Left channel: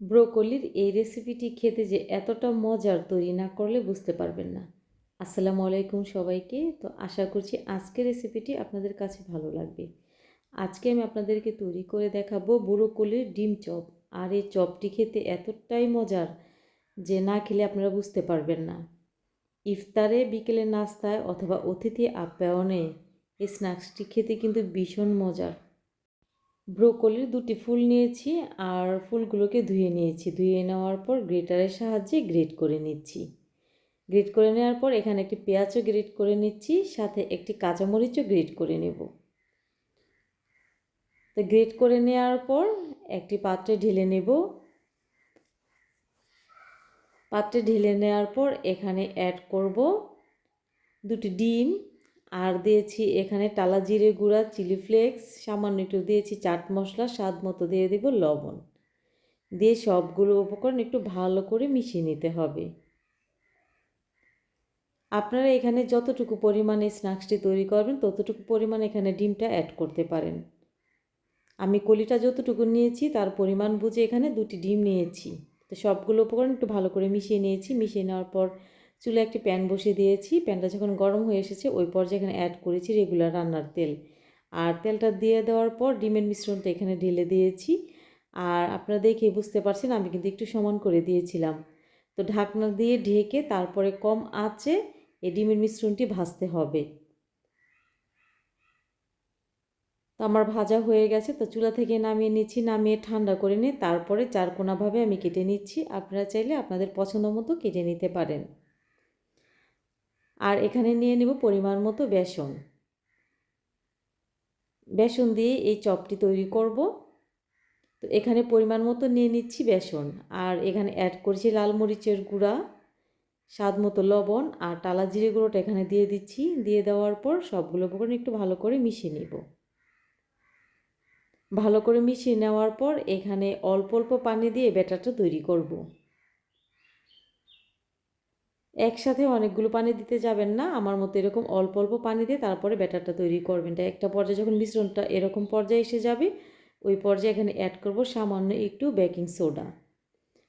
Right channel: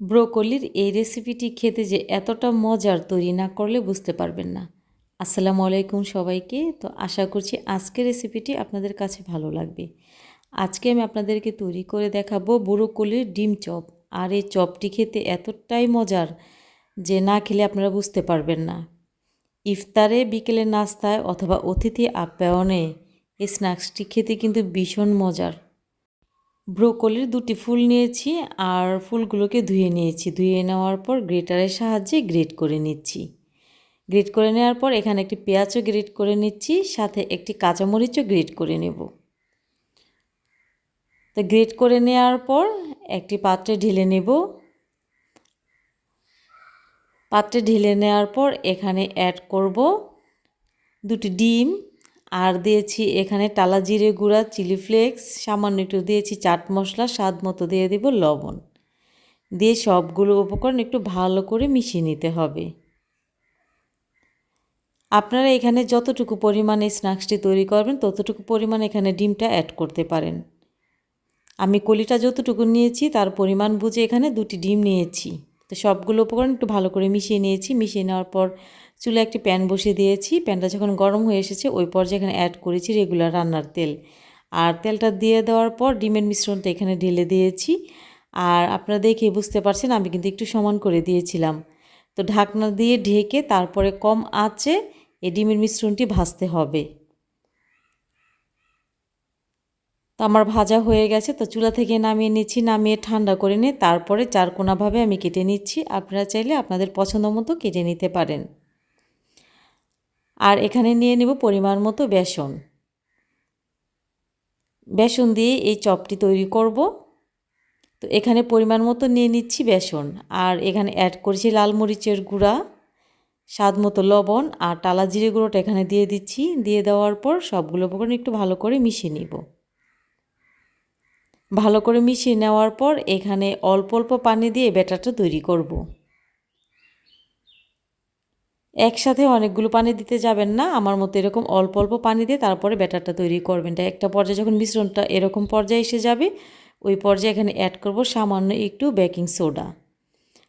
ব্রোকলির এই রেসিপিটি খেতে যে এতটা মজার তৈরি না করলে বুঝতে পারবেন না। আসসালামু আলাইকুম সবাইকে। তো আশা করছি আজকের রেসিপিটি আপনাদের কাছে ভালো লাগবে। আজকে আমি আপনাদেরকে তৈরি করে দেখাবো ব্রোকলির ডিম চপ। আর এই চপটি খেতে এতটাই মজার যে না খেলে আপনারা বুঝতে পারবেন না। ইফতারে বিকেলের নাস্তায় অথবা অতিথি আপ্যায়নে এই স্ন্যাক্সটি খেতে কিন্তু ভীষণ মজার। ব্রোকলির দুটি ফুল নিয়েছি আর ফুলগুলোকে ধুয়ে নিয়েছি। ধুয়ে নেওয়ার পর গ্রেটারের সাহায্যে গ্রেট করে নিচ্ছি। গ্রেট করে নেওয়ার পর এখানে একটি পেঁয়াজও গ্রেট করে নিচ্ছি, সাথে একটি কাঁচামরিচও গ্রেট করে নেব। তো গ্রেট করে নেওয়ার পর একটি পাত্রে ঢেলে নেব। পাত্রে ঢেলে নেওয়ার পর এখানে অ্যাড করব দুটি ডিম আর দিয়েছি এখানে টালা জিরে গুঁড়া, চিলি ফ্লেক্স, সামান্য একটু দিয়েছি চাট মশলা, স্বাদ মতো দিয়ে দেব লবণ। দিয়ে সবগুলো উপকরণ একটু ভালো করে মিশিয়ে নিতে হবে। আপনারা এখানে যতটুকু পরিমাণে স্ন্যাক্সটি তৈরি করবেন, ততটুকু পরিমাণ এখানে ডিমটা অ্যাড করতে পারেন। আমি কলিটা যতটুকু নিয়েছি, তার পরিমাণ বুঝে এখানে দুটি ডিম নিয়েছি। তো সবগুলো উপকরণ একটু ভালো করে মিশিয়ে নিয়েছি। মিশিয়ে নেওয়ার পর চুলে একটি প্যান বসিয়ে দিয়েছি। প্যানটা যখন গরম হয়ে এসেছে, ওই পর্যায়ে এখানে অ্যাড করেছি রেগুলার রান্নার তেল। আর তেলটা দিয়ে দেওয়ার পর ডিমের মিশ্রণটা এখানে ঢেলে দিয়েছি। আর আপনারা দেখে বুঝতে পারছেন, আমি কিন্তু একটু সমান করে দিয়েছিলাম। তো ঢাকনা দিয়ে ঢেকে তারপরে কম আঁচে এই ডিমের মিশ্রণটি ভাজতে হবে। তো আমার ভাজা হয়ে গেছে, তো চুলা থেকে নামিয়ে নিচ্ছি, নামিয়ে ঠান্ডা করে নিয়ে তারপরে চারকোনাভাবে আমি কেটে নিচ্ছি। আপনারা চাইলে আপনাদের পছন্দ মতো কেটে নিতে পারেন। আর এখানে নিয়ে নেব পরিমাণ মতো বেসন। বেসন দিয়ে এই চপটি তৈরি করব। তো এখানে পরিমাণ মতো নিয়ে নিচ্ছি বেসন। আর এখানে অ্যাড করছি লাল মরিচের গুঁড়া, স্বাদ মতো লবণ আর টালা জিরে গুঁড়োটা এখানে দিয়ে দিচ্ছি। দিয়ে দেওয়ার পর সবগুলো একটু ভালো করে মিশিয়ে নিব। ভালো করে মিশিয়ে নেওয়ার পর এখানে অল্প অল্প পানি দিয়ে ব্যাটারটা তৈরি করব। একসাথে অনেকগুলো পানি দিতে যাবেন না, আমার মতো এরকম অল্প অল্প পানি দিয়ে তারপরে ব্যাটারটা তৈরি করবেন। একটা পর্যায়ে যখন মিশ্রণটা এরকম পর্যায়ে এসে যাবে, ওই পর্যায়ে এখানে অ্যাড করব সামান্য একটু বেকিং সোডা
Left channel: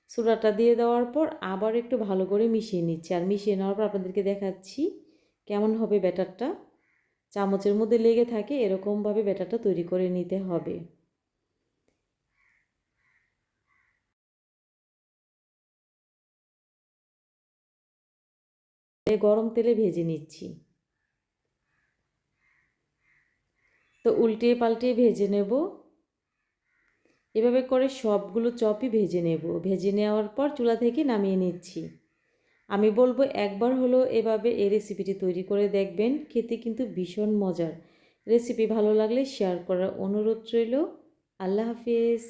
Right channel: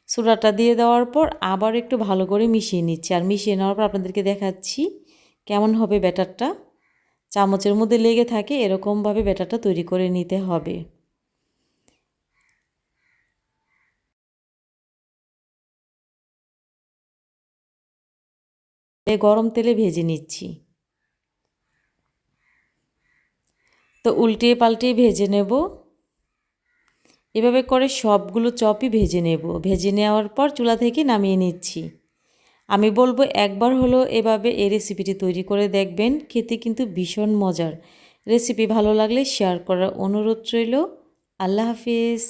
সোডাটা দিয়ে দেওয়ার পর আবার একটু ভালো করে মিশিয়ে নিচ্ছি। আর মিশিয়ে নেওয়ার পর আপনাদেরকে দেখাচ্ছি কেমন হবে ব্যাটারটা। চামচের মধ্যে লেগে থাকে, এরকমভাবে ব্যাটারটা তৈরি করে নিতে হবে। গরম তেলে ভেজে নিচ্ছি। তো উল্টিয়ে পাল্টিয়ে ভেজে নেব। এভাবে করে সবগুলো চপই ভেজে নেব। ভেজে নেওয়ার পর চুলা থেকে নামিয়ে নিচ্ছি। আমি বলব একবার হলো এভাবে এই রেসিপিটি তৈরি করে দেখবেন, খেতে কিন্তু ভীষণ মজার। রেসিপি ভালো লাগলে শেয়ার করার অনুরোধ রইল। আল্লাহ হাফিজ।